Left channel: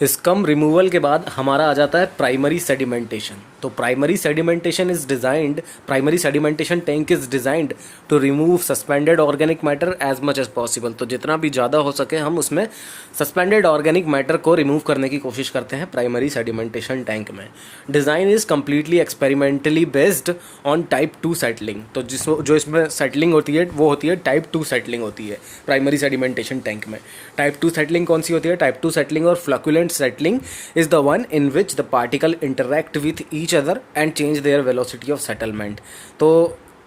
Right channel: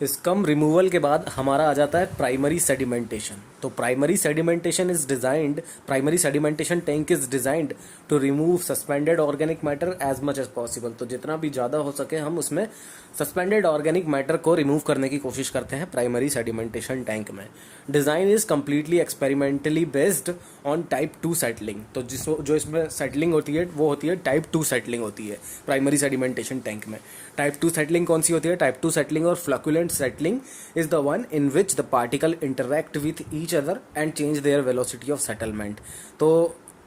Scum removal के बाद हमारा आ जाता है प्राइमरी सेडिमेंटेशन। तो primary sedimentation tank is designed to remove suspended organic matter as much as possible. तो जितना भी ज़्यादा हो सके हम उसमें सस्पेंडेड ऑर्गेनिक मैटर को रिमूव करने की कोशिश करते हैं प्राइमरी सेडिमेंटेशन टैंक में। Design is completely experimentally based on type 2 settling. तो जो इसमें सेटलिंग होती है वो होती है टाइप 2 सेटलिंग होती है प्राइमरी सेडिमेंटेशन टैंक में। टाइप 2 सेटलिंग कौन सी होती है? टाइप 2 सेटलिंग और फ्लक्युलेंट settling is the one in which the particle interact with each other and change their velocity of settlement। तो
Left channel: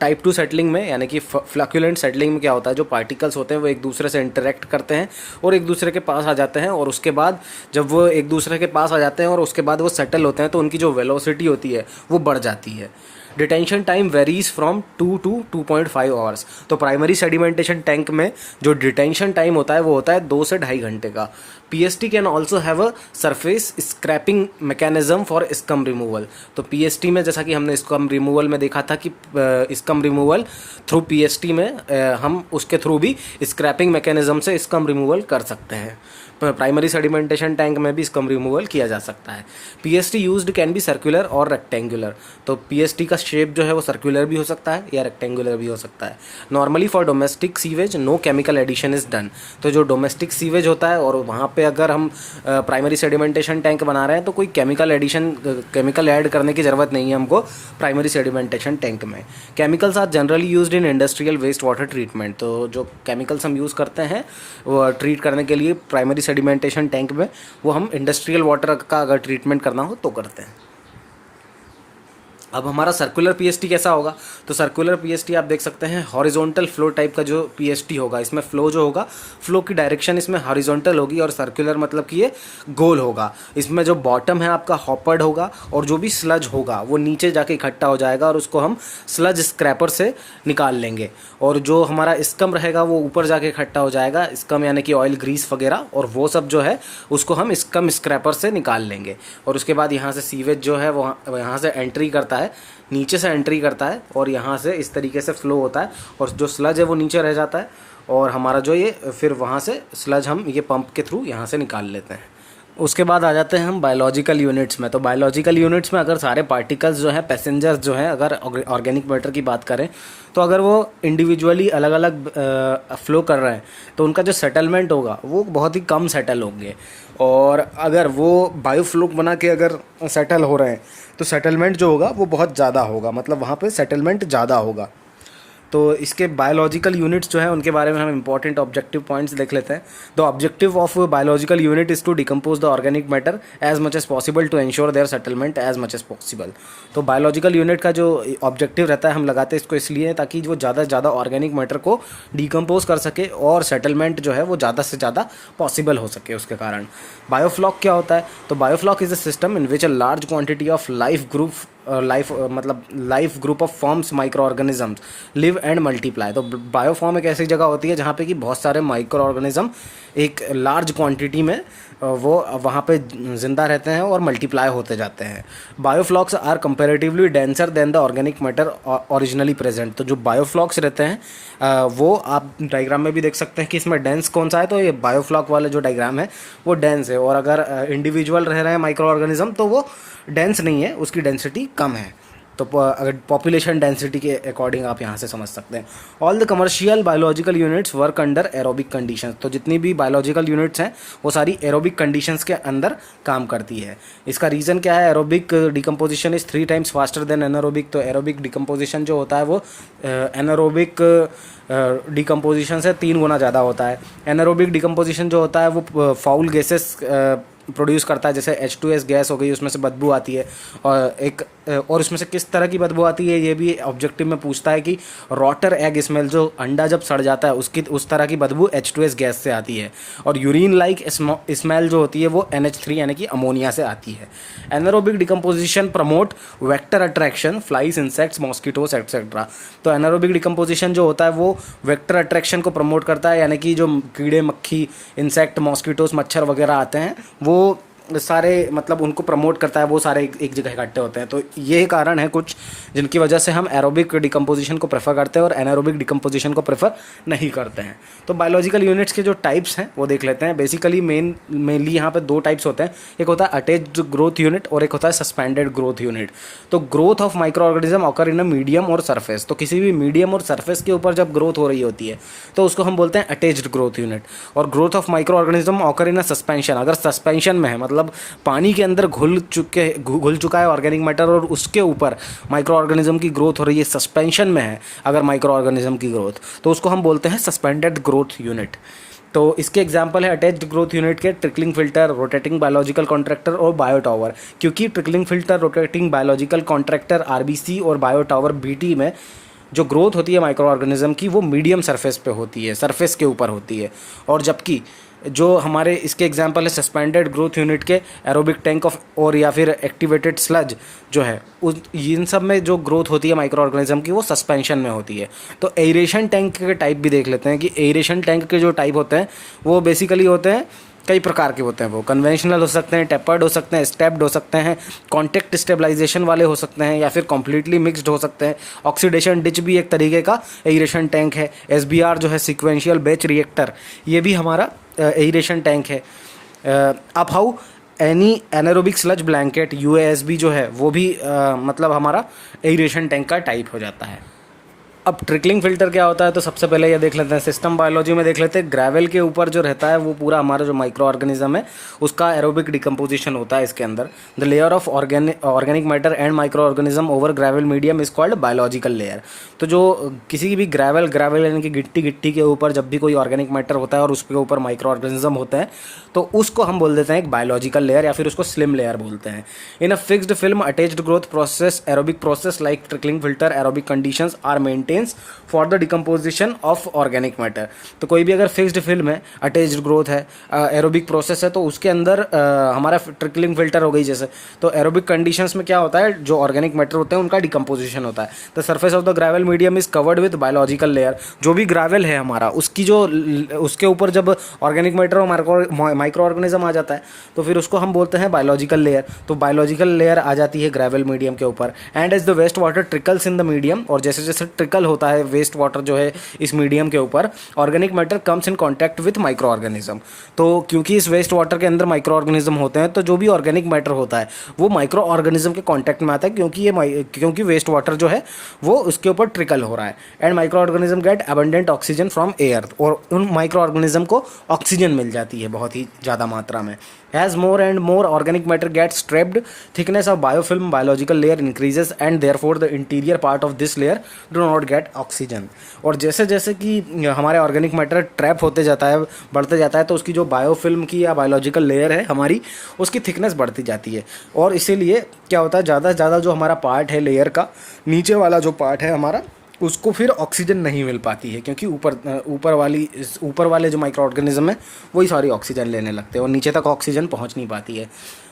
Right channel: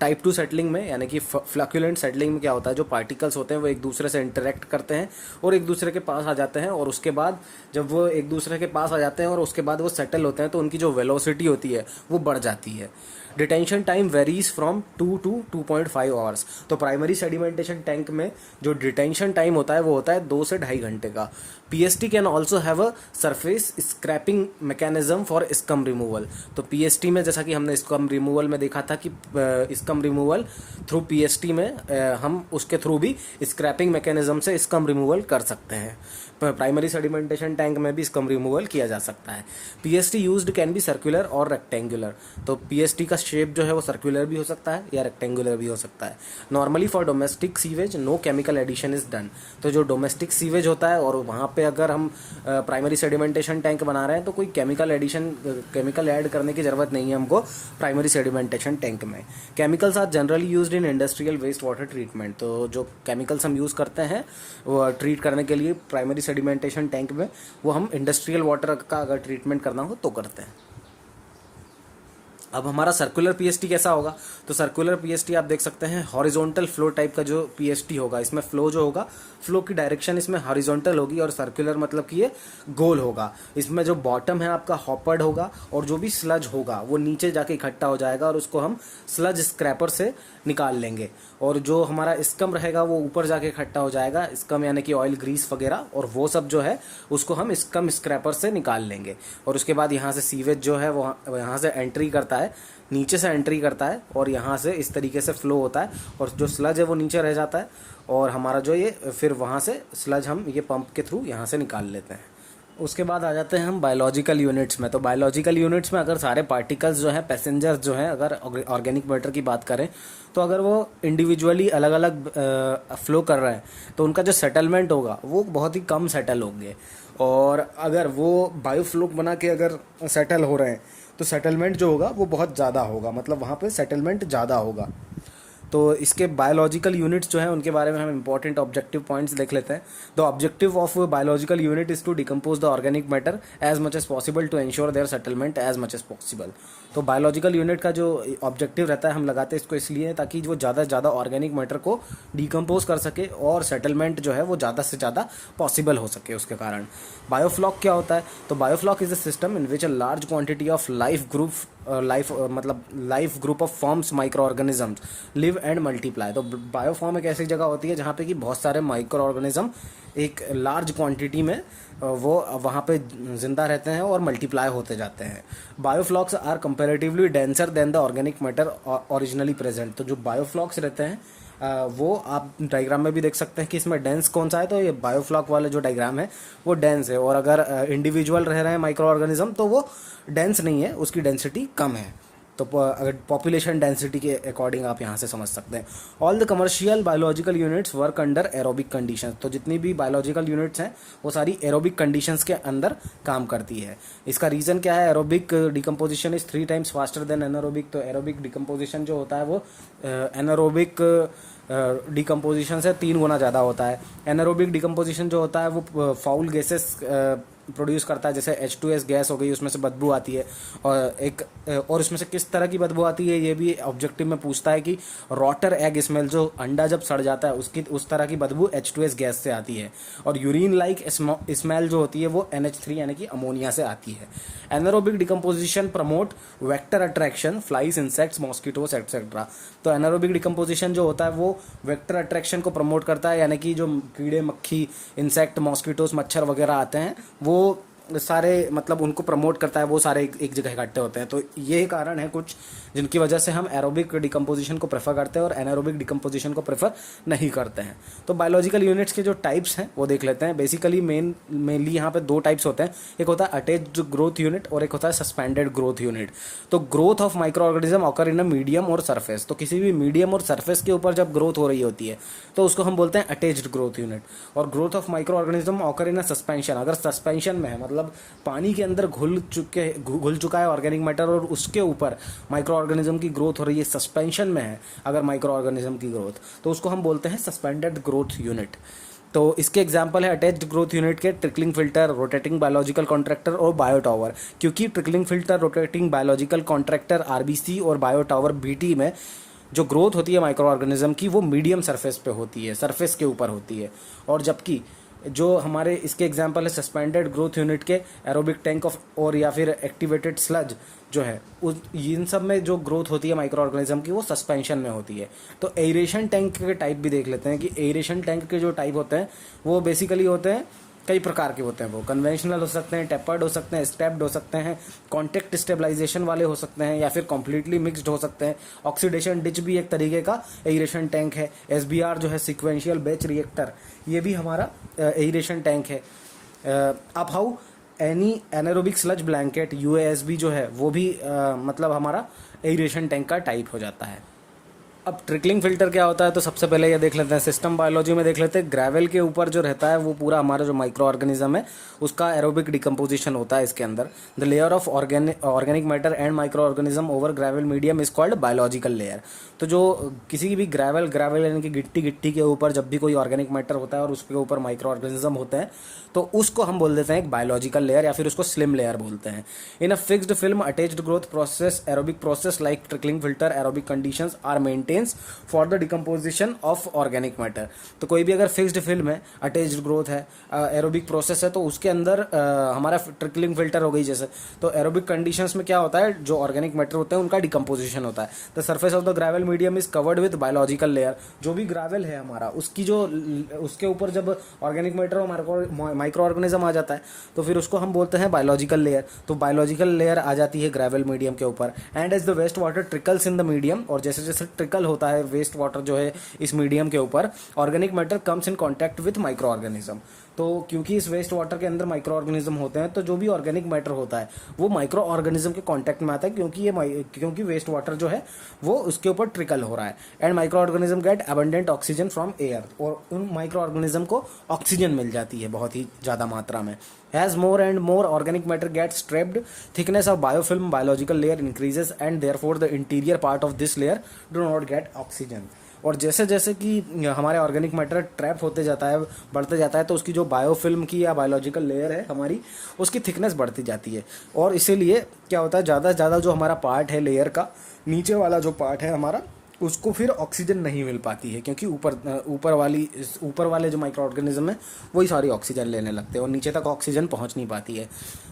टाइप 2 सेटलिंग में यानी कि फ्लक्युलेंट सेटलिंग में क्या होता है, जो पार्टिकल्स होते हैं वो एक दूसरे से इंटरेक्ट करते हैं और एक दूसरे के पास आ जाते हैं, और उसके बाद जब वो एक दूसरे के पास आ जाते हैं और उसके बाद वो सेटल होते हैं तो उनकी जो वेलोसिटी होती है वो बढ़ जाती है। Detention time varies from 2 to 2.5 hours. तो प्राइमरी सेडिमेंटेशन टैंक में जो डिटेंशन टाइम होता है वो होता है 2 से 2.5 घंटे का। PST can also have a surface scraping mechanism for scum removal. तो पीएसटी में जैसा कि हमने स्कम रिमूवल में देखा था कि स्कम रिमूवल थ्रू पीएसटी में हम उसके थ्रू भी स्क्रैपिंग मैकेनिज्म से स्कम रिमूवल कर सकते हैं। प्राइमरी सेडिमेंटेशन टैंक में भी स्कम रिमूवल किया जा सकता है। PST used can be circular और रेक्टेंगुलर। तो पीएसटी का शेप जो है वो सर्कुलर भी हो सकता है या रेक्टेंगुलर भी हो सकता है। Normally for domestic sewage no chemical addition is done. तो जो डोमेस्टिक सीवेज होता है और वहाँ पे अगर हम प्राइमरी सेडिमेंटेशन टैंक बना रहे हैं तो कोई केमिकल ऐड करने की ज़रूरत नहीं है हमको प्राइमरी सेडिमेंटेशन टैंक में। Chemicals are generally used in industrial waste water treatment. तो जो केमिकल्स हम यूज़ करते हैं वो ट्रीट करने के लिए प्राइमरी सेडिमेंटेशन टैंक में, वो हम इंडस्ट्रियल वाटर का अगर ट्रीटमेंट करना हो तो करते हैं। अब हमारा सर्कुलर पीएसटी कैसा होगा? तो सर्कुलर पीएसटी आप देख सकते हैं हॉरिजॉन्टल फ्लो टाइप का जो पीएसटी होगा, इसमें फ्लो जो होगा, फ्लो की डायरेक्शन इसमें हॉरिजॉन्टल होगी और सर्कुलर मतलब कि ये गोल होगा। इसमें जो बॉटम है आपका हॉपर्ड होगा और जो भी स्लज होगा वो नीचे जाके इकट्ठा हो जाएगा और उसको हम स्लज स्क्रैपर से निकाल लेंगे, और जो हमारा स्कम रहेगा वो ऊपर जाके इकट्ठा हो जाएगा, स्कम यानी कि ऑयल ग्रीस वगैरह, और वो सब जो है उसको हम स्कम स्क्रैपर से निकाल लेंगे। और उसके बाद यहाँ से सीवेज जो है वो यहाँ से एंट्री करता है, नीचे से एंट्री करता है और यहाँ से इस तरीके से फ्लो होता है, और जो स्लज है वो नीचे रह जाता है, और हमारा जो ये फिर वहाँ से स्लज हम ये पंप के थ्रू यहाँ से निकाल लेते हैं। उसके बाद आ जाते हैं हम बायोलॉजिकल यूनिट्स में। तो बायोलॉजिकल यूनिट्स में अगर सारे पार्टिकल्स जो हैं, पैसेंजर्स जो हैं, अगर ऑर्गेनिक मैटर की बात करें तो अगर वो इंडिविजुअली अलग अलग फ्लो कर रहे हैं तो उनका जो सेटलमेंट होगा वो बहुत ही कम सेटल होंगे, और अगर वो बायोफ्लूक बना के अगर सेटल हो रहे हैं तो सेटलमेंट जो होगा वो बहुत ज़्यादा होगा, मतलब वहाँ पे सेटलमेंट ज़्यादा होगा। तो इसके बायोलॉजिकल यूनिट्स जो है उनके बारे में हम इंपॉर्टेंट ऑब्जेक्टिव पॉइंट्स देख लेते हैं। The objective of biological unit is to decompose the organic matter as much as possible to ensure their settlement as much as possible. तो बायोलॉजिकल यूनिट का जो ऑब्जेक्टिव रहता है, हम लगाते हैं इसको इसलिए ताकि वो ज़्यादा से ज़्यादा ऑर्गेनिक मैटर को डिकम्पोज कर सके और सेटलमेंट जो है वो ज़्यादा से ज़्यादा पॉसिबल हो सके उसके कारण। बायोफ्लॉक क्या होता है? तो biofloc is a system in which a large quantity of life group of forms micro organisms live and multiply. तो बायोफॉर्म एक ऐसी जगह होती है जहाँ पे कि बहुत सारे माइक्रो ऑर्गेनिज्म एक लार्ज क्वांटिटी में वो वहाँ पे ज़िंदा रहते हैं और मल्टीप्लाई होते जाते हैं। Bioflocs are comparatively denser than the organic matter originally present. तो जो बायोफ्लॉक्स रहते हैं वो आप डायग्राम में भी देख सकते हैं कि इसमें डेंस कौन सा है, तो ये बायोफ्लॉक वाला जो डायग्राम है वो डेंस है, और अगर इंडिविजुअल रह रहे हैं माइक्रो ऑर्गेनिज्म तो वो डेंस नहीं है, उसकी डेंसिटी कम है। तो अगर पॉपुलेशन डेंसिटी के अकॉर्डिंग आप यहाँ से समझ सकते हैं। All the commercial biological units work under aerobic conditions. तो जितनी भी बायोलॉजिकल यूनिट्स हैं वो सारी एरोबिक कंडीशंस के अंदर काम करती है। इसका रीज़न क्या है? Aerobic decomposition is 3 times faster than anaerobic. तो एरोबिक डिकम्पोजिशन जो होता है वो एनारोबिक डिकम्पोजिशन से 3 गुना ज़्यादा होता है। एनारोबिक डिकम्पोजिशन जो होता है वो फाउल गैसेस प्रोड्यूस करता है, जैसे H2S गैस हो गई, उसमें से बदबू आती है, और उसमें से किस तरह की बदबू आती है ये भी ऑब्जेक्टिव में पूछता है कि रॉटर एग स्मेल, जो अंडा जब सड़ जाता है उसकी उस तरह की बदबू H2S गैस से आती है, और यूरिन लाइक स्मेल जो होती है वो NH3 यानी कि अमोनिया से आती है। Anaerobic decomposition promote vector attraction, flies, insects, mosquitoes etcetera. तो एनारोबिक डिकम्पोजिशन जो होता है वो वेक्टर अट्रैक्शन को प्रमोट करता है, यानी कि जो कीड़े मक्खी, इंसेक्ट, मॉस्किटोस, मच्छर वगैरह आते हैं वो सारे मतलब उनको प्रमोट करता है, वो सारे एक जगह इकट्ठे होते हैं। तो ये कारण है कुछ जिनकी वजह से हम एरोबिक डिकम्पोजिशन को प्रेफर करते हैं और एनारोबिक डिकम्पोजिशन को प्रेफर नहीं करते हैं। तो बायोलॉजिकल यूनिट्स के जो टाइप्स हैं वो देख लेते हैं। बेसिकली मेनली यहाँ पे दो टाइप्स होते हैं, एक होता है अटैच्ड ग्रोथ यूनिट और एक होता है सस्पेंडेड ग्रोथ यूनिट। तो growth of micro organism occur in a medium और सरफेस, तो किसी भी मीडियम और सरफेस के ऊपर जब ग्रोथ हो रही होती है तो उसको हम बोलते हैं अटैच्ड ग्रोथ यूनिट। और growth of micro organism occur in a suspension, अगर सस्पेंशन में है मतलब पानी के अंदर घुल चुका है ऑर्गेनिक मैटर और उसके ऊपर माइक्रो ऑर्गेनिज्म की ग्रोथ हो रही है, सस्पेंशन में है अगर माइक्रो ऑर्गेनिज्म की ग्रोथ, तो उसको हम बोलते हैं सस्पेंडेड ग्रोथ यूनिट। तो इसके एग्जांपल है अटैच्ड ग्रोथ यूनिट के trickling filter, rotating biological contractor और बायो टावर। क्योंकि trickling filter, rotating biological contractor RBC और बायो टावर बीटी में जो ग्रोथ होती है माइक्रो ऑर्गेनिज्म की वो मीडियम सरफेस पे होती है, सरफेस के ऊपर होती है। और जबकि जो हमारे इसके एग्जांपल है सस्पेंडेड ग्रोथ यूनिट के एरोबिक टैंक ऑफ और या फिर एक्टिवेटेड स्लज जो है उस इन सब में जो ग्रोथ होती है माइक्रो ऑर्गेनिज्म की वो सस्पेंशन में होती है। तो एरेशन टैंक के टाइप भी देख लेते हैं कि एरेशन टैंक के जो टाइप होते हैं वो बेसिकली होते हैं कई प्रकार के होते हैं। वो कन्वेंशनल हो सकते हैं, टेपर्ड हो सकते हैं, स्टेप्ड हो सकते हैं, कॉन्टेक्ट स्टेबलाइजेशन वाले हो सकते हैं या फिर कम्प्लीटली मिक्सड हो सकते हैं। ऑक्सीडेशन डिच भी एक तरीके का एरेशन टैंक है। एसबीआर जो है सीक्वेंशियल बैच रिएक्टर, ये भी हमारा एरेशन टैंक है। अब how any anaerobic sludge blanket UASB जो है वो भी मतलब हमारा एरेशन टैंक का टाइप हो जाता है। अब ट्रिकलिंग फिल्टर क्या होता है, तो सबसे पहले ये देख लेते हैं, सिस्टम बायोलॉजी में देख लेते हैं। ग्रेवल के ऊपर जो रहता है वो पूरा हमारा जो माइक्रो ऑर्गेनिज्म है उसका एरोबिक डिकम्पोजिशन होता है इसके अंदर। The layer of organic matter and micro organism over gravel medium is called biological layer. तो जो किसी भी ग्रेवल यानी कि गिट्टी के ऊपर जब भी कोई ऑर्गेनिक मैटर होता है और उसके ऊपर माइक्रो ऑर्गेनिज्म होता है तो उसको हम बोल देते हैं एक बायोलॉजिकल लेयर या फिर उसको स्लिम लेयर बोलते हैं। In a fixed film attached growth process aerobic process like trickling filter aerobic conditions are maintains for the decomposition of organic matter. तो कोई भी अगर फिक्स्ड फिल्म है, अटैच्ड ग्रोथ है, एरोबिक प्रोसेस है, तो उसके अंदर हमारा ट्रिकलिंग फिल्टर हो गई जैसे, तो एरोबिक कंडीशंस में क्या होता है जो ऑर्गेनिक मैटर होते हैं उनका डिकम्पोजिशन होता है। The surface of the gravel medium is covered with biological layer. जो भी ग्रेवल है हमारा उसकी जो उसके ऊपर जब ऑर्गेनिक मैटर और माइक्रो ऑर्गेनिज्म आ जाता है तो फिर उसको हम बोलते हैं बायोलॉजिकल लेयर। तो बायोलॉजिकल लेयर आ जाती है ग्रेवल मीडियम के ऊपर। And as the waste water trickles in the medium, और जैसे जैसे ट्रिकल होता है वेस्ट वाटर जो है इस मीडियम के ऊपर, organic matter comes in contact with micro organism. तो क्योंकि इस वेस्ट वाटर के अंदर माइक्रो ऑर्गेनिज्म होते हैं तो जो भी ऑर्गेनिक मैटर होता है वो माइक्रो ऑर्गेनिज्म के कॉन्टैक्ट में आता है, क्योंकि वेस्ट वाटर जो है वो उसके ऊपर ट्रिकल हो रहा है। And micro organism gate abundant oxygen from air, और उन माइक्रो ऑर्गेनिज्म को ऑक्सीजन मिल जाती है बहुत ही ज़्यादा मात्रा में। As more and more organic matter gets trapped, thickness of biofilm biological layer increases and therefore the interior part of this layer do not get oxygen। और जैसे जैसे कि हमारे ऑर्गेनिक मैटर ट्रैप होते जाता है, बढ़ते जाता है, तो उसकी जो बायोफिल्म की या बायोलॉजिकल लेयर है हमारी उसकी थिकनेस बढ़ती जाती है। और इसीलिए क्या होता है ज़्यादा से ज़्यादा जो हमारा पार्ट है लेयर का, नीचे वाला जो पार्ट है हमारा, उसको फिर ऑक्सीजन नहीं मिल पाती है, क्योंकि ऊपर वाले जो माइक्रो ऑर्गेनिज्म है वही सारी ऑक्सीजन लेने लगते हैं और नीचे तक ऑक्सीजन पहुंच नहीं पाती है।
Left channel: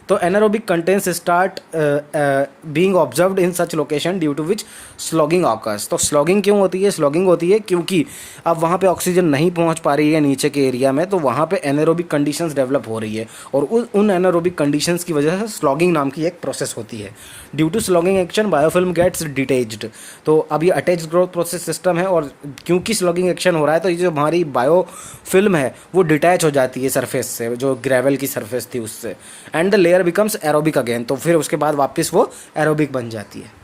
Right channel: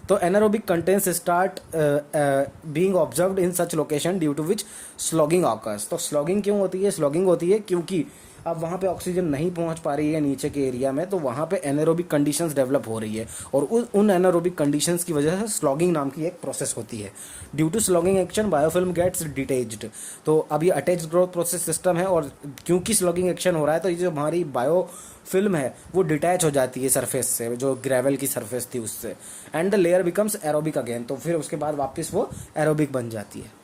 तो anaerobic contents start being observed in such location due to which sloughing occurs. तो स्लॉगिंग क्यों होती है? स्लॉगिंग होती है क्योंकि अब वहाँ पे ऑक्सीजन नहीं पहुँच पा रही है नीचे के एरिया में, तो वहाँ पे एनारोबिक कंडीशंस डेवलप हो रही है और उन एनारोबिक कंडीशंस की वजह से स्लॉगिंग नाम की एक प्रोसेस होती है। Due to sloughing action biofilm gets detached. तो अब ये अटैच्ड ग्रोथ प्रोसेस सिस्टम है और क्योंकि स्लॉगिंग एक्शन हो रहा है तो ये जो हमारी बायोफिल्म है वो डिटैच हो जाती है सरफेस से, जो ग्रेवल की सरफेस थी उससे। And the layer becomes aerobic again, तो फिर उसके बाद वापस वो एरोबिक बन जाती है।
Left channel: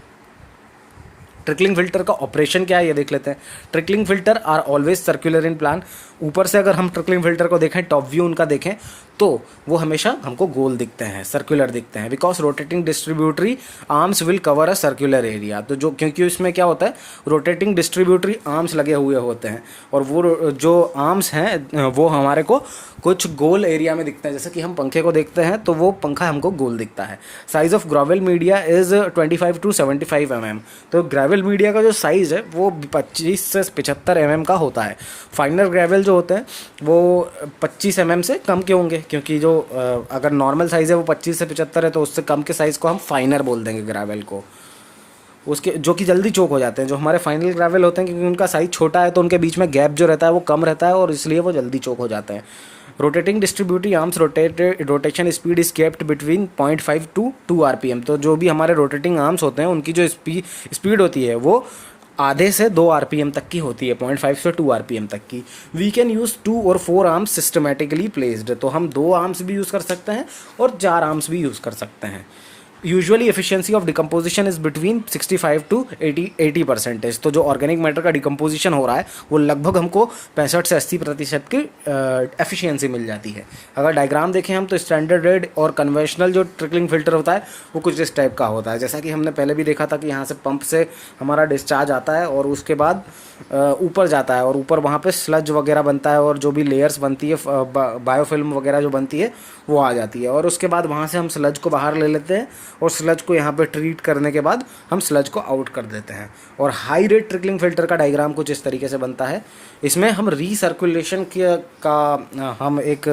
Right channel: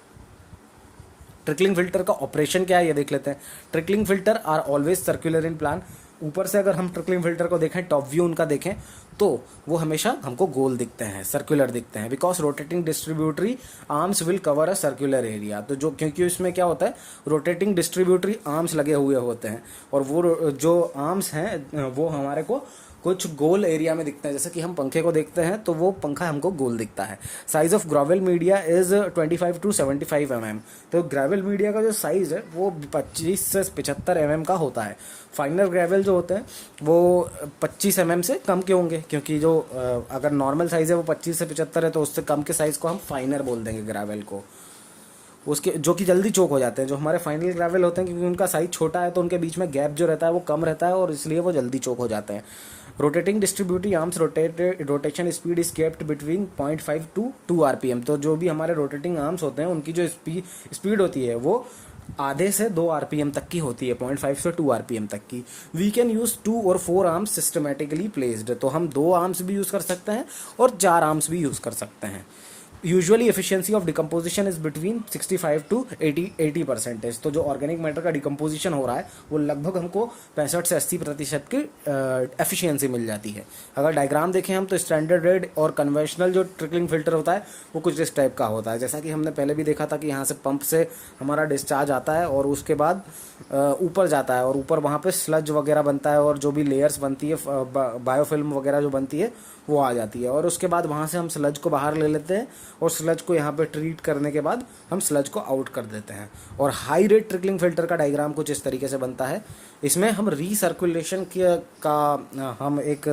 ट्रिकलिंग फिल्टर का ऑपरेशन क्या है ये देख लेते हैं। Trickling filter are always circular in plan. ऊपर से अगर हम ट्रिकलिंग फिल्टर को देखें, टॉप व्यू उनका देखें, तो वो हमेशा हमको गोल दिखते हैं, सर्कुलर दिखते हैं, because rotating distributary arms will cover a circular area. तो जो क्योंकि उसमें क्या होता है, रोटेटिंग डिस्ट्रीब्यूटरी आर्म्स लगे हुए होते हैं और वो जो आर्म्स हैं वो हमारे को कुछ गोल एरिया में दिखते हैं। जैसे कि हम पंखे को देखते हैं तो वो पंखा हमको गोल दिखता है। Size of gravel media is 25 to 75 mm। तो ग्रेवल मीडिया का जो साइज़ है वो 25 से 75 mm का होता है। फाइनर ग्रेवल जो होते हैं वो 25 mm से कम के होंगे, क्योंकि जो अगर नॉर्मल साइज़ है वो 25 से 75 है तो उससे कम के साइज़ को हम फाइनर बोल देंगे ग्रेवल को। उसके जो कि जल्दी चोक हो जाते हैं। जो हमारे फाइनल ग्रेवल होते हैं, क्योंकि उनका साइज छोटा है तो उनके बीच में गैप जो रहता है वो कम रहता है और इसलिए वो जल्दी चोक हो जाते हैं। Rotating distributive arms rotation speed is kept between 0.5 to 2 RPM. तो जो भी हमारे रोटेटिंग आर्म्स होते हैं उनकी जो स्पीड होती है वो आधे से 2 आरपीएम तक की होती है, 0.5 से 2 आरपीएम तक की। वी कैन यूज़ 2 और 4 आर्म्स सिस्टमेटिकली प्लेस्ड। तो हम 2 आर्म्स भी यूज़ कर सकते हैं और 4 आर्म्स भी यूज़ कर सकते हैं। Usually efficiency of decomposition is between 65 to 80%। तो जो ऑर्गेनिक मैटर का डिकम्पोजिशन हो रहा है वो लगभग हमको 65 से 80% की एफिशिएंसी मिल जाती है। अगर डायग्राम देखें हम तो स्टैंडर्ड रेड और कन्वेंशनल जो ट्रिकलिंग फिल्टर होता है वो कुछ इस टाइप का होता है। जैसा कि हमने पहले भी देखा था कि यहाँ से पंप से हमारा डिस्चार्ज आता है और उसके बाद ऊपर जाता है और ऊपर वहाँ पे स्लज वगैरह बनता है और जो भी लेयर्स बनती है बायोफिल्म वगैरह जो बनती है वो आ जाती है और उसके बाद वहाँ से हम स्लज को बाहर ले लेते हैं और स्लज को यहाँ पे ट्रीट करने के बाद हम स्लज को आउट कर देते हैं। और हाई रेट ट्रिकलिंग फिल्टर का डायग्राम कुछ इस तरीके से बनता है। इसमें हम रीसर्कुलेशन का हम एक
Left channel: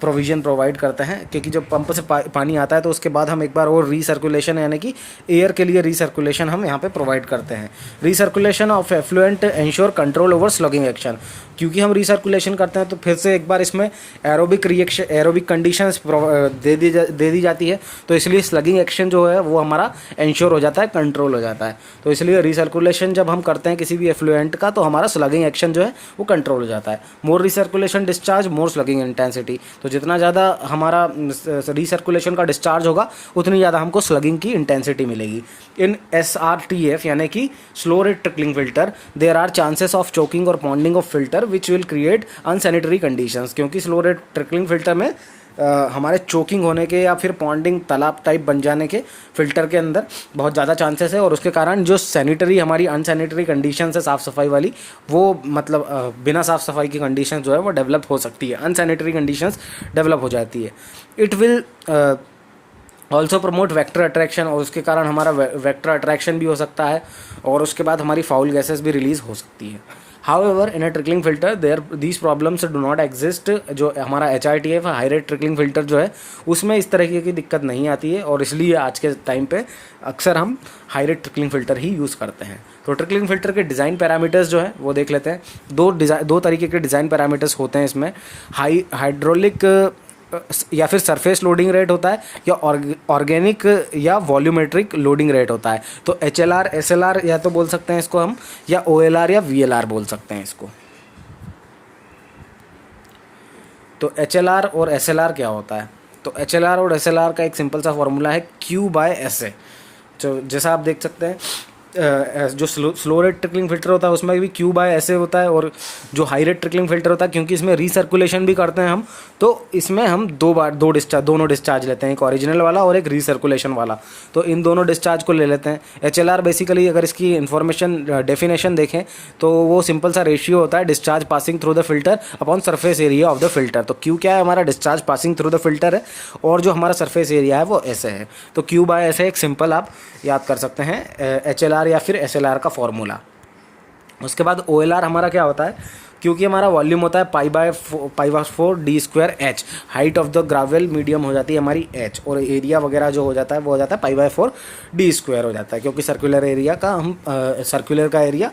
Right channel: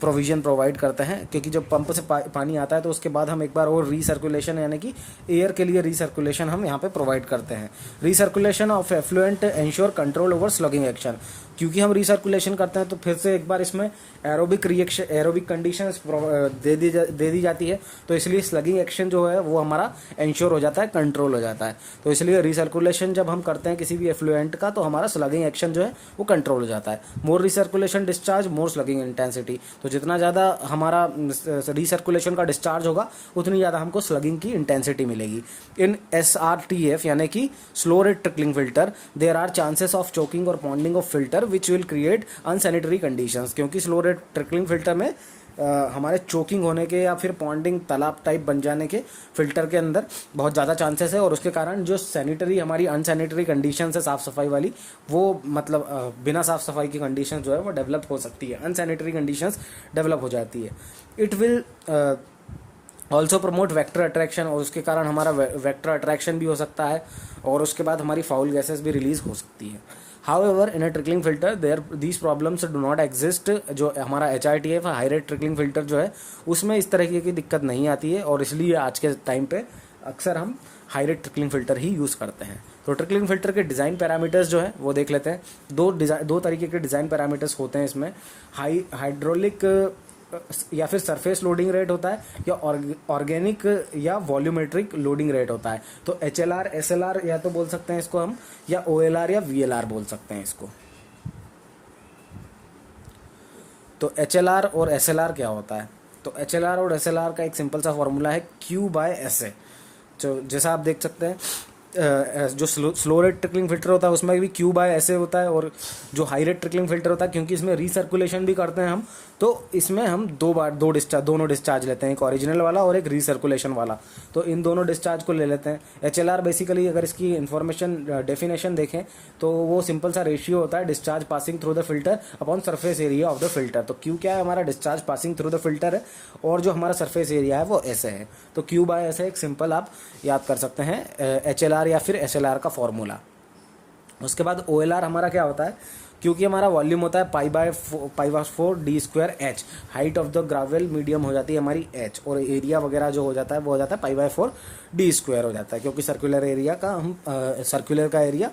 प्रोविज़न प्रोवाइड करते हैं, क्योंकि जब पंप से पानी आता है तो उसके बाद हम एक बार और रीसर्कुलेशन यानी कि एयर के लिए रीसर्कुलेशन हम यहाँ पे प्रोवाइड करते हैं। Recirculation of effluent ensure control over slugging action. क्योंकि हम रीसर्कुलेशन करते हैं तो फिर से एक बार इसमें एरोबिक कंडीशंस दे दी जाती है, तो इसलिए स्लगिंग एक्शन जो है वो हमारा इंश्योर हो जाता है, कंट्रोल हो जाता है। तो इसलिए रीसर्कुलेशन जब हम करते हैं किसी भी एफ्लुएंट का तो हमारा स्लगिंग एक्शन जो है वो कंट्रोल हो जाता है। मोर रिसर्कुलेशन डिस्चार्ज मोर स्लगिंग इंटेंसिटी। तो जितना ज़्यादा हमारा रिसर्कुलेशन का डिस्चार्ज होगा उतनी ज़्यादा हमको स्लगिंग की इंटेंसिटी मिलेगी। इन SRTF यानी कि slow rate trickling filter there are chances of choking और ponding of filter which will create unsanitary conditions. क्योंकि स्लो रेट ट्रिकलिंग फिल्टर में हमारे चोकिंग होने के या फिर पॉन्डिंग तालाब टाइप बन जाने के फिल्टर के अंदर बहुत ज़्यादा चांसेस है और उसके कारण जो सैनिटरी हमारी अनसैनिटरी कंडीशन है साफ़ सफाई वाली वो मतलब बिना साफ़ सफाई की कंडीशन जो है वो डेवलप हो सकती है, अनसैनिटरी कंडीशंस डेवलप हो जाती है। It will also promote vector attraction और उसके कारण हमारा वेक्टर अट्रैक्शन भी हो सकता है और उसके बाद हमारी फाउल गैसेस भी रिलीज हो सकती है। However, in a trickling filter, these problems do not exist। जो हमारा HRTF high rate trickling filter जो है उसमें इस तरह की दिक्कत नहीं आती है और इसलिए आज के टाइम पे अक्सर हम हाई रेट ट्रिकलिंग फिल्टर ही यूज़ करते हैं। तो ट्रिकलिंग फिल्टर के डिज़ाइन पैरामीटर्स जो है वो देख लेते हैं। दो तरीके के डिज़ाइन पैरामीटर्स होते हैं इसमें। हाइड्रोलिक या फिर सरफेस लोडिंग रेट होता है या ऑर्गेनिक या वॉल्यूमेट्रिक लोडिंग रेट होता है। तो HLR SLR या तो बोल सकते हैं इसको हम, या OLR या VLR बोल सकते हैं इसको। तो HLR और SLR क्या होता है? तो HLR और SLR का एक सिंपल सा फॉर्मूला है Q/SA। जो जैसा आप देख सकते हैं जो स्लो रेट ट्रिकलिंग फिल्टर होता है उसमें भी Q/SA होता है और जो हाई रेट ट्रिकलिंग फिल्टर होता है क्योंकि इसमें रीसर्कुलेशन भी करते हैं हम तो इसमें हम दोनों डिस्चार्ज लेते हैं, एक ओरिजिनल वाला और एक रीसर्कुलेशन वाला। तो इन दोनों डिस्चार्ज को ले लेते हैं। HLR बेसिकली अगर इसकी इन्फॉर्मेशन डेफिनेशन देखें तो वो सिंपल सा रेशियो होता है discharge passing through the filter upon surface area of the filter. तो Q क्या है? हमारा discharge passing through the filter है और जो हमारा सरफेस एरिया है वो SA है। तो Q/SA एक सिंपल आप याद कर सकते हैं HLR या फिर SLR का फॉर्मूला। उसके बाद OLR हमारा क्या होता है? क्योंकि हमारा वॉल्यूम होता है π/4 d²h, height of the gravel medium हो जाती है हमारी h और एरिया वगैरह जो हो जाता है वो हो जाता है π/4 d² हो जाता है, क्योंकि सर्कुलर एरिया का हम सर्कुलर का एरिया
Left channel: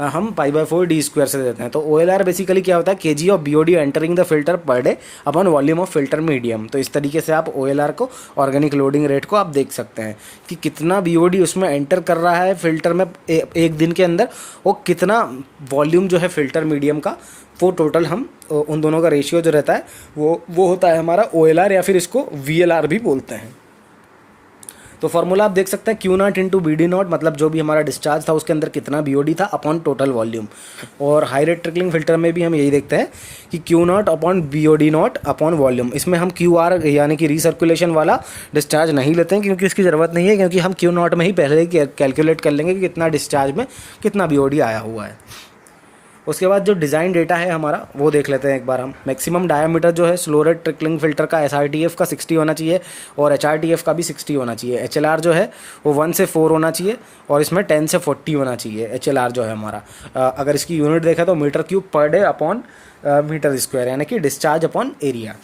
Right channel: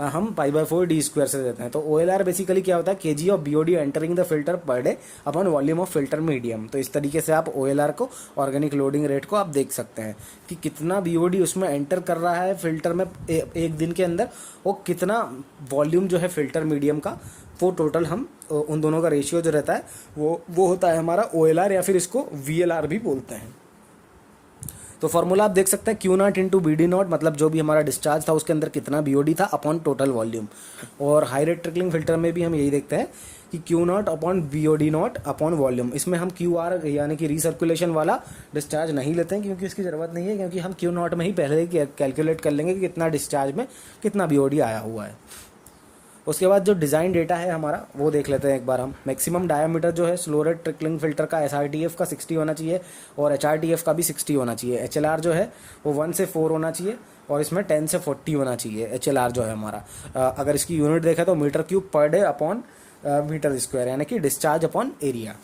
हम π/4 d² से देते हैं। तो OLR बेसिकली क्या होता है? kg of BOD entering the filter पर day upon volume of filter medium. तो इस तरीके से आप OLR को ऑर्गेनिक लोडिंग रेट को आप देख सकते हैं कि कितना BOD उसमें एंटर कर रहा है फिल्टर में एक दिन के अंदर और कितना वॉल्यूम जो है फिल्टर मीडियम का, वो टोटल हम उन दोनों का रेशियो जो रहता है वो होता है हमारा OLR या फिर इसको VLR भी बोलते हैं। तो फॉर्मूला आप देख सकते हैं Q0 इंटू BD0 मतलब जो भी हमारा डिस्चार्ज था उसके अंदर कितना BOD था अपॉन टोटल वॉल्यूम। और हाई रेट ट्रिकलिंग फिल्टर में भी हम यही देखते हैं कि Q0 upon BOD0 upon volume. इसमें हम QR यानी कि रीसर्कुलेशन वाला डिस्चार्ज नहीं लेते हैं क्योंकि इसकी ज़रूरत नहीं है, क्योंकि हम Q0 में ही पहले ही कैलकुलेट कर लेंगे कि कितना डिस्चार्ज में कितना BOD आया हुआ है। उसके बाद जो डिज़ाइन डेटा है हमारा वो देख लेते हैं एक बार हम। मैक्सिमम डायमीटर जो है स्लो रेट ट्रिकलिंग फिल्टर का SRTF का 60 होना चाहिए और HRTF का भी 60 होना चाहिए। HLR जो है वो 1 से 4 होना चाहिए और इसमें 10 से 40 होना चाहिए। HLR जो है हमारा अगर इसकी यूनिट देखा तो metre cube per day upon metre square यानी कि डिस्चार्ज अपॉन एरिया।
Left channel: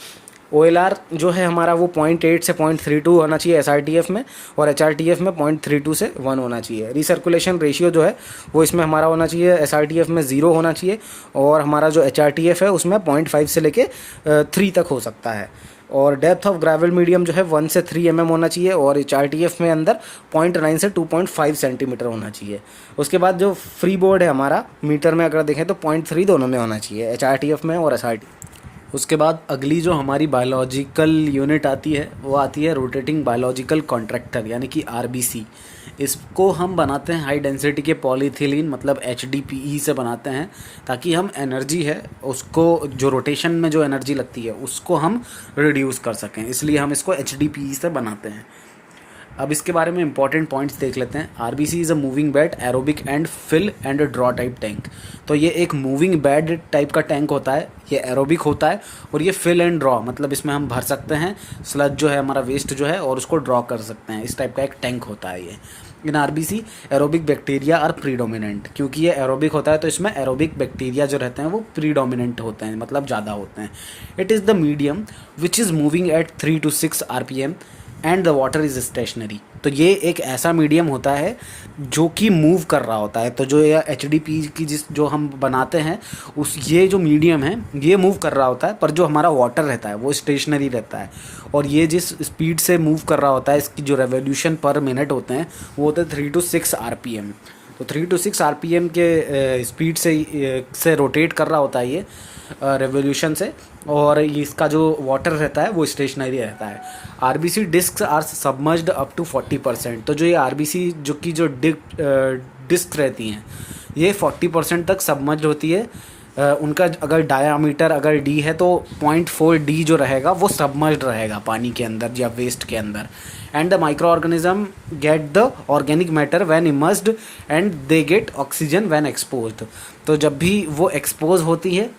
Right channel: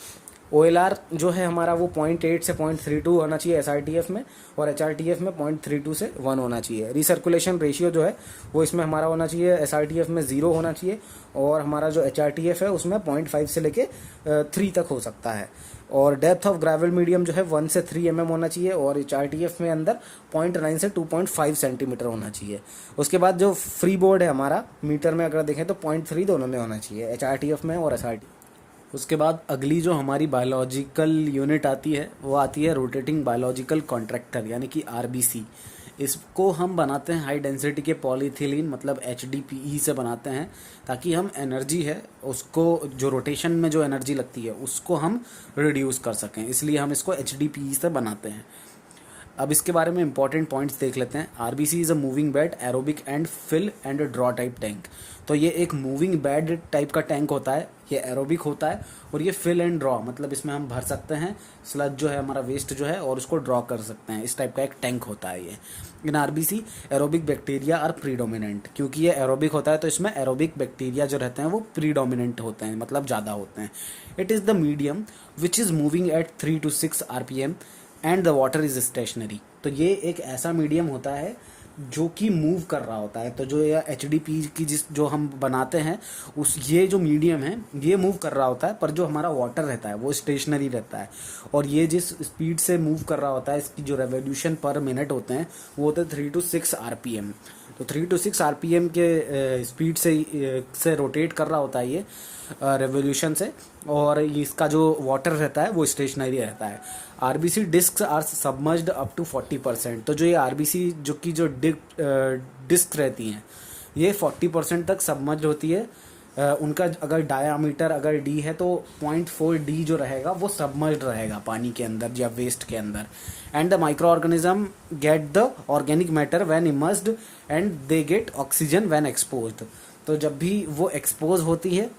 OLR जो है हमारा वो 0.8 से 0.32 होना चाहिए SRTF में, और HRTF में 0.32 से 1 होना चाहिए। रिसर्कुलेशन रेशियो जो है वो इसमें हमारा होना चाहिए, SRTF में 0 होना चाहिए, और हमारा जो HRTF है उसमें 0.5 से लेके 3 तक हो सकता है। और डेप्थ ऑफ ग्रेवल मीडियम जो है 1 से 3 mm होना चाहिए, और HRTF में अंदर 0.9 से 2.5 सेंटीमीटर होना चाहिए। उसके बाद जो फ्री बोर्ड है हमारा मीटर में अगर देखें तो 0.3 दोनों में होना चाहिए, HRTF में और SRT। उसके बाद अगली जो हमारी बायोलॉजिकल यूनिट आती है वो आती है रोटेटिंग बायोलॉजिकल कॉन्ट्रैक्टर, यानी कि RBC। इसको हम बनाते हैं हाई डेंसिटी के पॉलीथिलीन मतलब HDPE से बनाते हैं, ताकि हम एनर्जी है उसको, जो रोटेशन में जो एनर्जी लगती है उसको हम रिड्यूस कर सकें, इसलिए हम इसको HDPE से बनाते हैं। अब इसके बारे में इंपॉर्टेंट पॉइंट्स देख लेते हैं। RBC is a moving bed aerobic and fill and draw type tank. तो ये एक मूविंग बेड टाइप का टैंक होता है, ये एरोबिक होता है, और ये फिल एंड ड्रॉ मतलब इसमें हम भर सकते हैं स्लज जो है हमारा वेस्ट जो है, और उसको ड्रॉ कर सकते हैं। इस टाइप का एक टैंक होता है ये। In RBC aerobic bacteria are predominant, क्योंकि ये एरोबिक होता है तो इसमें एरोबिक बैक्टीरिया जो रहते हैं वो प्रीडोमिनेंट होते हैं, मतलब ज़्यादा होते हैं। It is the medium which is moving at 3 to 6 RPM and the water is stationary. तो ये एक ऐसा मीडियम होता है जो कि मूव कर रहा होता है। तो जो ये HDP की जो हम बनाते हैं उस ये जो मीडियम है ये मूव कर रहा होता है, पर जो हमारा वाटर रहता है वो स्टेशनरी रहता है। और ये जिस स्पीड से मूव कर रहा होता है, इसकी जो रेवोल्यूशन पर मिनट होते हैं वो होते हैं 3 to 6 RPM। तो 3 to 6 RPM के स्पीड से रोटेट कर रहा होता है ये रेवोल्यूशन से, और इसका जो वाटर रहता है वो स्टेशनरी रहता है। RBC disc are submerged up to 40%। तो जो ये RBC जो की जो डिस्क रहती हैं ये 40% तक सबमर्ज्ड होती है। उनका अगर डायामीटर अगर D है तो 0.4 D जो रहेगा वो सबमर्ज्ड रहेगा पानी के अंदर या वेस्ट के अंदर। And the micro organism get the organic matter when immersed and they get oxygen when exposed. तो जब भी वो एक्सपोज होती है,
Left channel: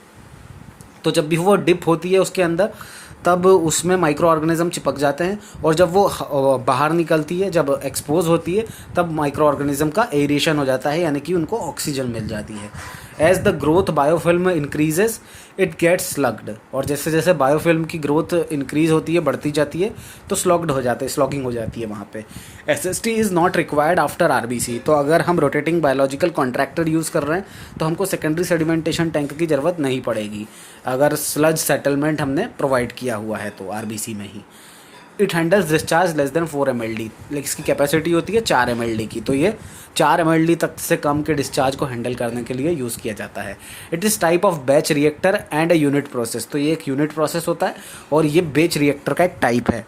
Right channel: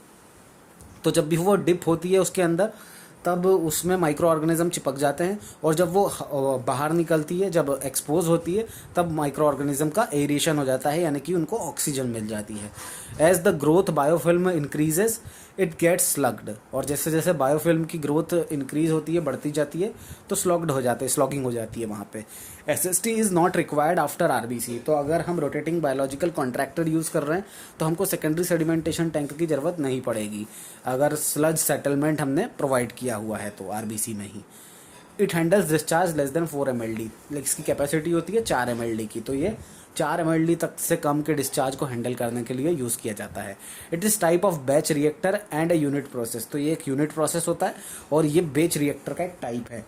तो जब भी वो डिप होती है उसके अंदर, तब उसमें माइक्रो ऑर्गेनिज्म चिपक जाते हैं, और जब वो बाहर निकलती है, जब एक्सपोज होती है, तब माइक्रो ऑर्गेनिज्म का एरिएशन हो जाता है, यानी कि उनको ऑक्सीजन मिल जाती है। As the growth biofilm increases it gets slugged. और जैसे जैसे बायोफिल्म की ग्रोथ इंक्रीज होती है, बढ़ती जाती है, तो स्लॉग्ड हो जाते हैं, स्लॉगिंग हो जाती है वहाँ पे। SST is not required after RBC। तो अगर हम रोटेटिंग बायोलॉजिकल कॉन्ट्रैक्टर यूज़ कर रहे हैं तो हमको सेकेंडरी सेडिमेंटेशन टैंक की ज़रूरत नहीं पड़ेगी, अगर स्लज सेटलमेंट हमने प्रोवाइड किया हुआ है तो RBC में ही। It handles discharge less than 4 mld, लेकिन इसकी कैपेसिटी होती है 4 mld की, तो ये 4 mld तक से कम के डिस्चार्ज को हैंडल करने के लिए यूज़ किया जाता है। It is type of batch reactor and a unit process. तो ये एक यूनिट प्रोसेस होता है और ये बैच रिएक्टर का एक टाइप है।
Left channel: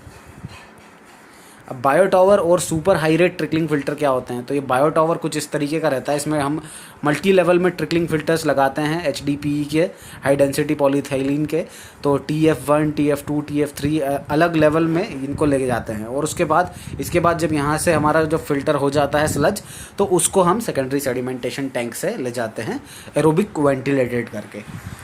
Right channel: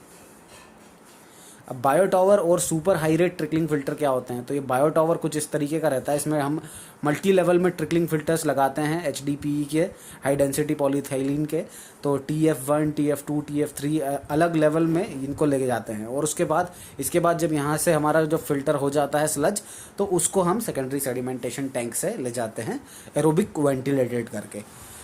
अब बायो टावर और super high rate trickling filter क्या होते हैं? तो ये बायो टावर कुछ इस तरीके का रहता है, इसमें हम मल्टी लेवल में ट्रिकलिंग फिल्टर्स लगाते हैं HDPE के, हाई डेंसिटी पॉलीथाइलिन के। तो TF1, TF2, TF3 अलग लेवल में इनको लेके जाते हैं, और इसके बाद जब यहाँ से हमारा जो फिल्टर हो जाता है स्लज, तो उसको हम सेकेंडरी सेडिमेंटेशन टैंक से ले जाते हैं एरोबिक वेंटिलेटेड करके।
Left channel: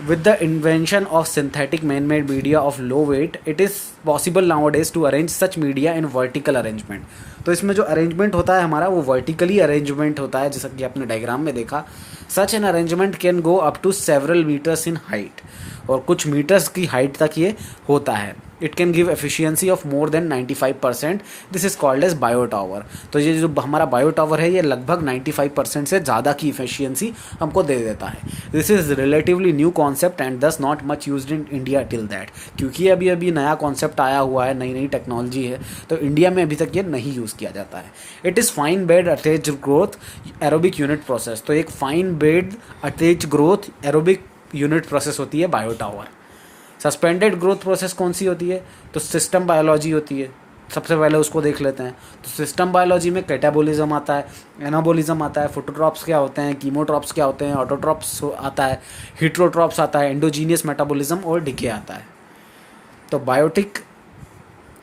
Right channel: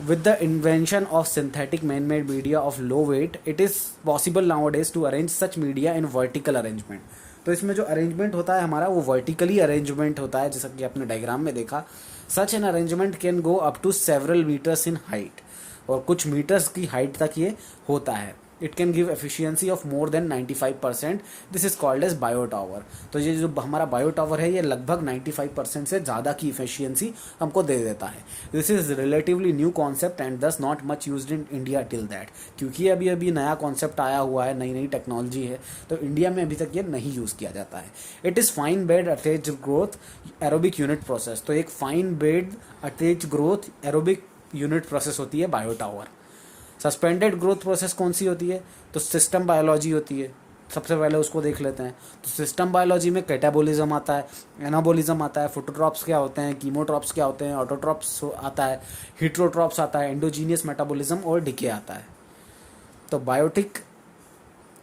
With the invention of synthetic man-made media of low weight, it is possible nowadays to arrange such media in vertical arrangement. तो इसमें जो अरेंजमेंट होता है हमारा वो वर्टिकली अरेंजमेंट होता है, जैसा कि आपने डायग्राम में देखा। Such an arrangement can go up to several metres in height, और कुछ मीटर्स की हाइट तक ये होता है। It can give efficiency of more than 95%। This is called as bio tower. तो ये जो हमारा बायो टावर है ये लगभग 95% से ज़्यादा की एफिशिएंसी हमको दे देता है। This is relatively new concept and thus not much used in India till that, क्योंकि अभी अभी नया कॉन्सेप्ट आया हुआ है, नई नई टेक्नोलॉजी है, तो इंडिया में अभी तक ये नहीं यूज़ किया जाता है। It is fine bed attached growth aerobic unit process. तो एक fine bed attached growth aerobic unit process होती है bio tower. Suspended growth process कौन सी होती है? तो सिस्टम बायोलॉजी होती है। सबसे पहले उसको देख लेते हैं। तो सिस्टम बायोलॉजी में कैटाबोलिज्म आता है, एनाबोलिज्म आता है, फोटोट्रॉप्स क्या होते हैं, कीमोट्रॉप्स क्या होते हैं, ऑटोट्रॉप्स आता है, हिट्रोट्रॉप्स आता है, एंडोजीनियस मेटाबॉलिज्म और डिके आता है। तो बायोटिक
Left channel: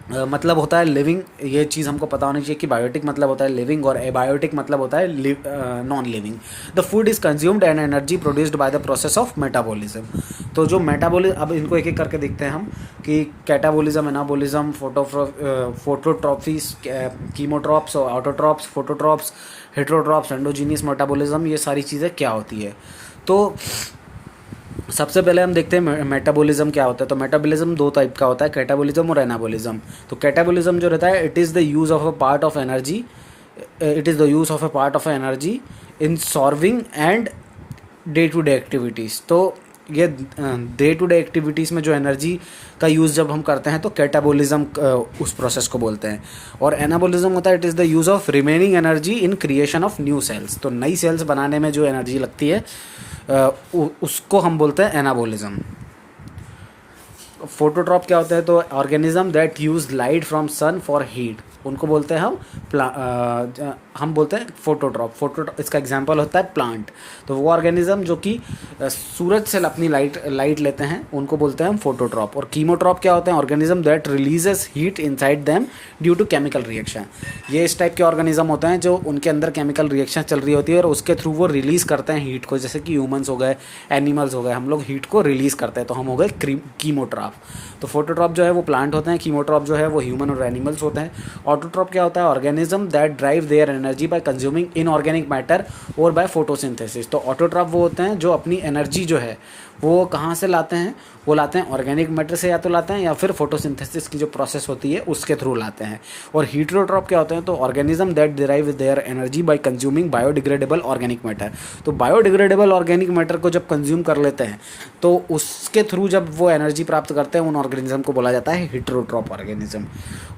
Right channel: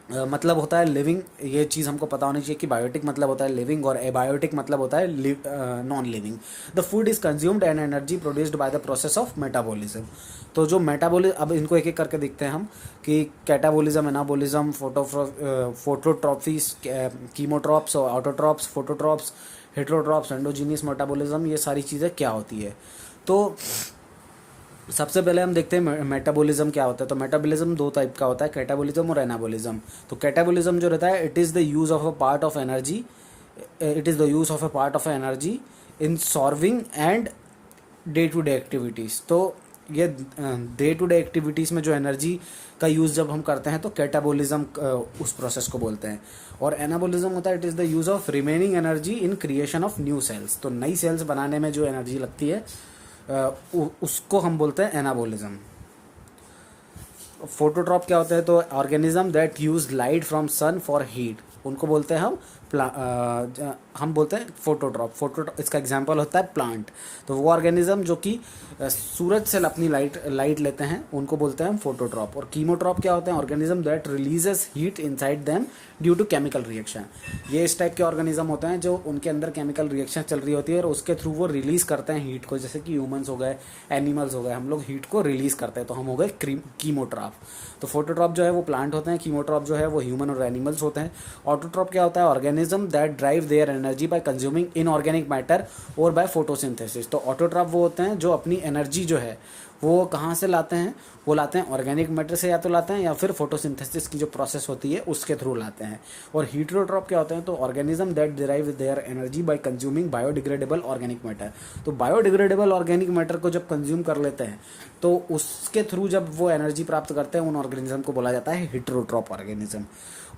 मतलब होता है लिविंग। ये चीज़ हमको पता होनी चाहिए कि बायोटिक मतलब होता है लिविंग और एबायोटिक मतलब होता है non living. The food is consumed and energy produced by the process of metabolism. तो जो मेटाबॉलिज्म, अब इनको एक एक करके देखते हैं हम कि catabolism, anabolism, phototrophs, chemotrophs, autotrophs, phototrophs, heterotrophs, endogenous metabolism, ये सारी चीज़ें क्या होती है। तो सबसे पहले हम देखते हैं मेटाबॉलिज्म क्या होता है। तो मेटाबॉलिज्म दो टाइप का होता है, कैटाबॉलिज्म और एनाबॉलिज्म। तो कैटाबॉलिज्म जो रहता है, it is the use of a part of energy, it is the use of a part of energy in solving and day to day activities. तो ये डे टू डे एक्टिविटीज़ में जो energy का use जब हम करते हैं तो कैटाबॉलिज्म उस प्रोसेस को बोलते हैं। और एनाबॉलिज्म होता है, it is the use of remaining energy in creation of new sales. तो नई सेल्स बनाने में जो एनर्जी लगती है उसको हम बोलते हैं एनाबॉलिज्म। फोटोट्रॉप क्या होता है? तो organism that use light from sun for heat, उनको बोलते हैं हम बोलते हैं फोटोट्रॉप। इसका एग्जांपल होता है प्लांट। तो वो ऑर्गेनिज्म जो कि सूरज से अपनी लाइट लेते हैं उनको बोलते हैं हम फोटोट्रॉप। और कीमोट्रॉप क्या होते हैं? Organism that releases heat inside them due to chemical reaction. ये इस टाइप के ऑर्गेनिज्म होते हैं जो उनके अंदर केमिकल रिएक्शन चल रही होती है और उसके थ्रू वो रिलीज करते हैं हीट को। जैसे कि ह्यूमंस हो गए, एनिमल्स हो गए, हम लोग हीट को रिलीज करते हैं तो हम हो गए कीमोट्रॉप। तो फोटोट्रॉप जो है वो प्लांट होते हैं, कीमोट्रॉप जो है वो ह्यूमन और एनिमल्स होते हैं। ऑटोट्रॉप क्या होता है? Organism that drive their energy by consuming inorganic matter और बाय फोटोसिंथेसिस। तो ऑटोट्रॉप वो होते हैं जो अपनी एनर्जी जो है वो कहाँ से लाते हैं? वो लाते हैं ऑर्गेनिक मैटर से, या तो लाते हैं या फिर फोटोसिंथेसिस की जो प्रोसेस होती है उसके थ्रू लाते हैं। और हीटरोट्रॉप क्या होते हैं? तो organism that derive their energy by consuming biodegradable organic matter. तो बायोडिग्रेडेबल ऑर्गेनिक मैटर को जब कंज्यूम कर लेते हैं तो उसके थ्रू जब वो एनर्जी प्राप्त करते हैं उन ऑर्गेनिज्म को बोला जाता है हीटरोट्रॉप ऑर्गेनिज्म।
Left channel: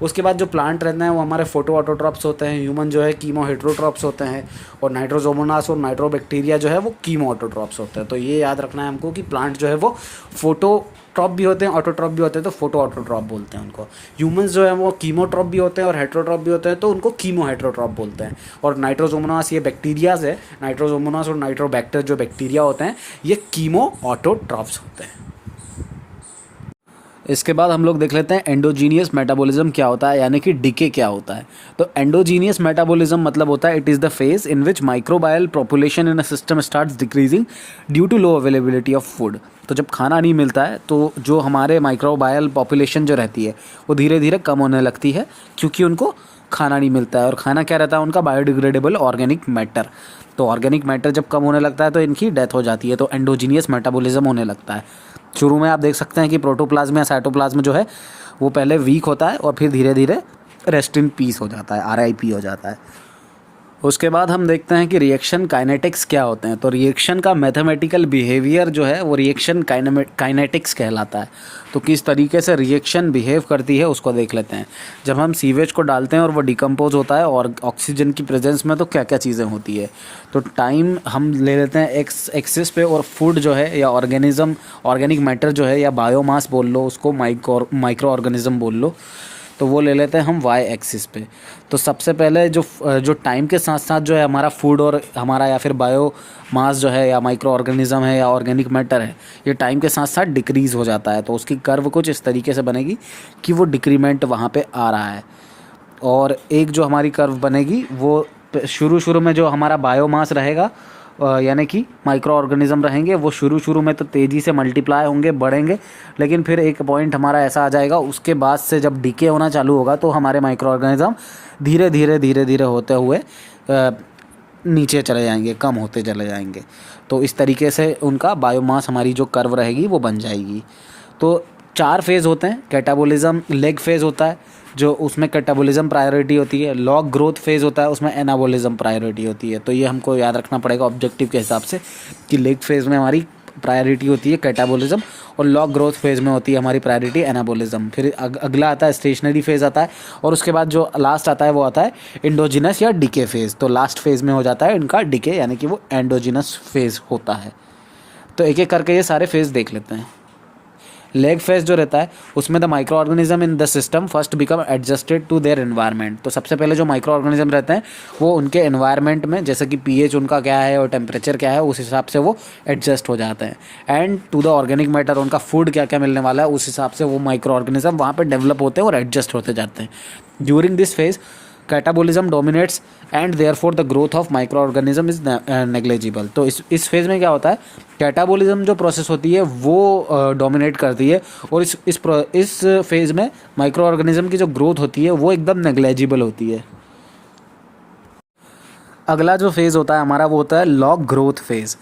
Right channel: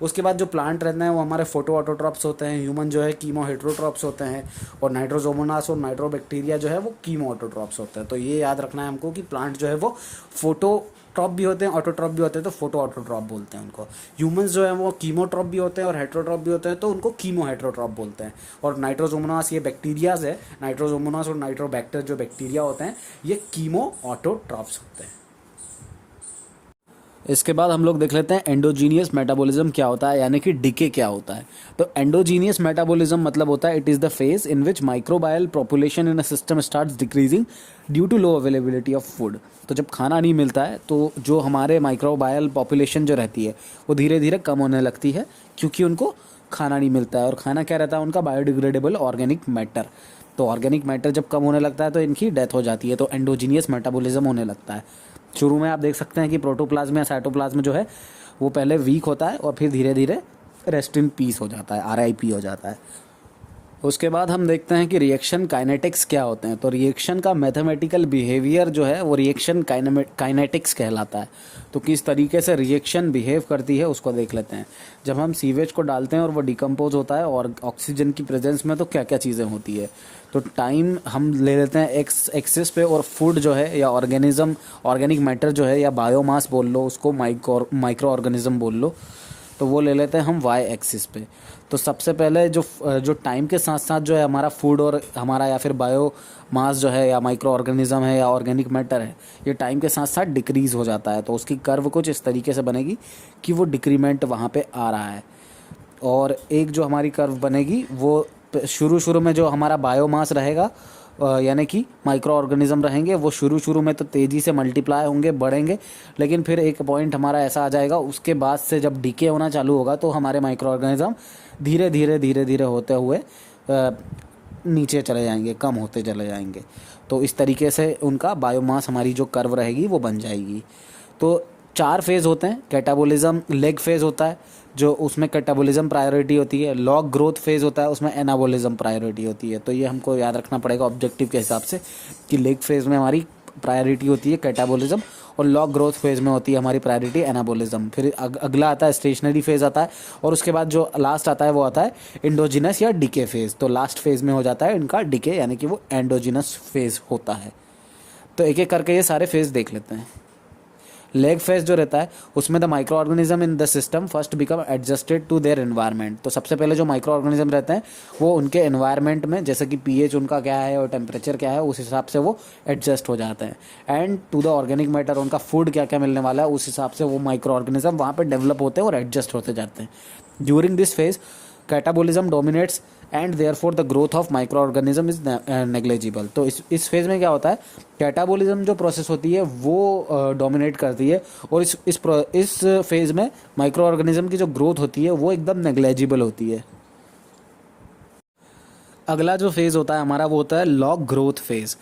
उसके बाद जो प्लांट रहते हैं वो हमारे फोटो ऑटोट्रॉप्स होते हैं, ह्यूमन जो है कीमो हेट्रोट्रॉप्स होते हैं, और नाइट्रोजोमोनास और नाइट्रोबैक्टीरिया जो है वो कीमो ऑटोट्रॉप्स होते हैं। तो ये याद रखना है हमको कि प्लांट जो है वो फोटोट्रॉप भी होते हैं, ऑटोट्रॉप भी होते हैं, तो फोटो ऑटोट्रॉप बोलते हैं उनको। ह्यूमंस जो है वो कीमोट्रॉप भी होते हैं और हेट्रोट्रॉप भी होते हैं तो उनको कीमो हेट्रोट्रॉप बोलते हैं। और नाइट्रोजोमोनास ये बैक्टीरियाज है, नाइट्रोजोमोनास और नाइट्रोबैक्टर जो बैक्टीरिया होते हैं ये कीमो ऑटोट्रॉप्स होते हैं। इसके बाद हम लोग देख लेते हैं एंडोजीनियस मेटाबॉलिज्म क्या होता है, यानी कि डीके क्या होता है। तो एंडोजीनियस मेटाबॉलिज्म मतलब होता है it is the phase in which microbial population in a system starts decreasing due to low availability of food. तो जब खाना नहीं मिलता है तो जो हमारे माइक्रोबायल पॉपुलेशन जो रहती है वो धीरे धीरे कम होने लगती है क्योंकि उनको खाना नहीं मिलता है। और खाना क्या रहता है उनका? Biodegradable organic matter. तो ऑर्गेनिक मैटर जब कम होने लगता है तो इनकी डेथ हो जाती है, तो एंडोजीनियस मेटाबॉलिज्म होने लगता है। शुरू में आप देख सकते हैं कि प्रोटोप्लाज्म या साइटोप्लाज्म जो है वो पहले वीक होता है और फिर धीरे धीरे रेस्ट इन पीस हो जाता है, RIP हो जाता है। उसके बाद हम देखते हैं कि रिएक्शन काइनेटिक्स क्या होते हैं। तो रिएक्शन का मैथमेटिकल बिहेवियर जो है वो रिएक्शन काइनेटिक्स कहलाता है। तो किस तरीके से रिएक्शन बिहेव करती है उसको देख लेते हैं। जब हम सीवेज को डालते हैं और वो डिकम्पोज होता है और ऑक्सीजन की प्रेजेंस में तो क्या क्या चीज़ें होती है। तो टाइम हम ले लेते हैं एक्स एक्सिस पे, और फूड जो है या ऑर्गेनिज्म ऑर्गेनिक मैटर जो है या बायोमास बोल लो उसको, माइक्रो ऑर्गेनिज्म बोल लो, तो वो ले लेते हैं हम वाई एक्सिस पे। तो सबसे पहले जो टाइम के साथ साथ जो है हमारा फूड और हमारा या फिर बायो मास जो है या माइक्रो ऑर्गेनिज्म है या ऑर्गेनिक मैटर है ये टाइम के साथ साथ डिक्रीज़ हो जाता है। तो उसकी कर्व कुछ इस तरीके से बनेगी कि वो डिक्रीमेंट वहाँ पे आ रहा है। और एक जो हमारी कर्व बनेगी वो शुरू में जो हमारा बायोमास रहेगा यानी कि माइक्रो ऑर्गेनिज्म रहेंगे वो शुरू में तो तेज़ी से मल्टीप्लाई होंगे, बढ़ेंगे, लेकिन फिर एक पॉइंट हमारा ऐसा आ जाएगा उसके बाद से जब डीके होना चालू होगा तो हमारे माइक्रो ऑर्गेनिज्म धीरे धीरे होते हुए नीचे चले जाएंगे, कम होते चले जाएंगे। तो इस तरीके से उनका बायोमास हमारी जो कर्व रहेगी वो बन जाएगी। तो 4 फेज़ होते हैं। कैटाबॉलिज्म लेग फेज़ होता है जो उसमें कैटाबॉलिज्म प्रायोरिटी होती है। लॉग ग्रोथ फेज़ होता है उसमें एनाबॉलिज्म प्रायोरिटी होती है। तो ये हमको याद रखना पड़ेगा ऑब्जेक्टिव के हिसाब से कि लेग फेज़ में हमारी प्रायोरिटी होती है कैटाबॉलिज्म और लॉग ग्रोथ फेज़ में होती है हमारी प्रायोरिटी एनाबॉलिज्म। फिर अगला आता है स्टेशनरी फेज़ आता है, और उसके बाद जो लास्ट आता है वो आता है एंडोजिनस या डीके फेज़। तो लास्ट फेज़ में हो जाता है इनका डीके, यानी कि वो एंडोजिनस फेज़ होता है। तो एक एक करके ये सारे फेज़ देख लेते हैं। लेग फेज जो रहता है उसमें the micro organism in the system first become adjusted to their environment. तो सबसे पहले जो माइक्रो ऑर्गेनिज्म रहते हैं वो उनके एनवायरनमेंट में, जैसे कि पीएच उनका क्या है और टेम्परेचर क्या है, उस हिसाब से वो एडजस्ट हो जाते हैं। And to the organic matter, उनका फूड क्या क्या मिलने वाला है उस हिसाब से वो माइक्रो ऑर्गेनिज्म वहाँ पर डेवलप होते हैं और एडजस्ट होते जाते हैं। During this phase catabolism dominates and therefore the growth of micro organism is negligible. तो इस फेज में क्या होता है, कैटाबॉलिज्म जो प्रोसेस होती है वो डोमिनेट करती है, और इस फेज में माइक्रो ऑर्गेनिज्म की जो ग्रोथ होती है वो एकदम नेग्लेजिबल होती है। अगला जो फेज़ होता है हमारा वो होता है लॉग ग्रोथ फेज़।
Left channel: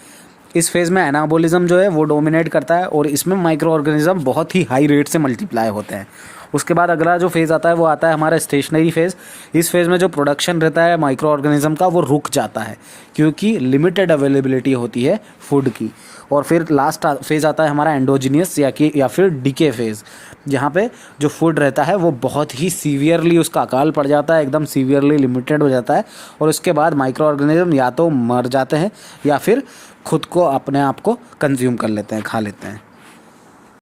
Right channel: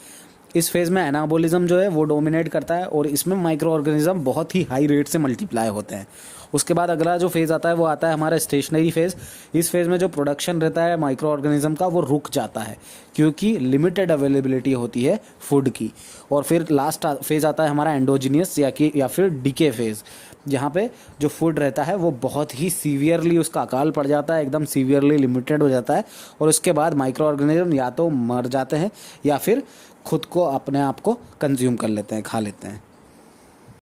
इस फेज़ में एनाबोलिज्म जो है वो डोमिनेट करता है और इसमें माइक्रो ऑर्गेनिज्म बहुत ही हाई रेट से मल्टीप्लाई होते हैं। उसके बाद अगला जो फेज़ आता है वो आता है हमारा स्टेशनरी फेज़। इस फेज़ में जो प्रोडक्शन रहता है माइक्रो ऑर्गेनिज्म का वो रुक जाता है क्योंकि लिमिटेड अवेलेबिलिटी होती है फूड की। और फिर लास्ट फेज़ आता है हमारा एंडोजीनियस या फिर डीके फेज़, जहाँ पे जो फूड रहता है वो बहुत ही सीवियरली उसका अकाल पड़ जाता है, एकदम सीवियरली लिमिटेड हो जाता है और उसके बाद माइक्रो ऑर्गेनिज्म या तो मर जाते हैं या फिर खुद को अपने आप को कंज्यूम कर लेते हैं, खा लेते हैं।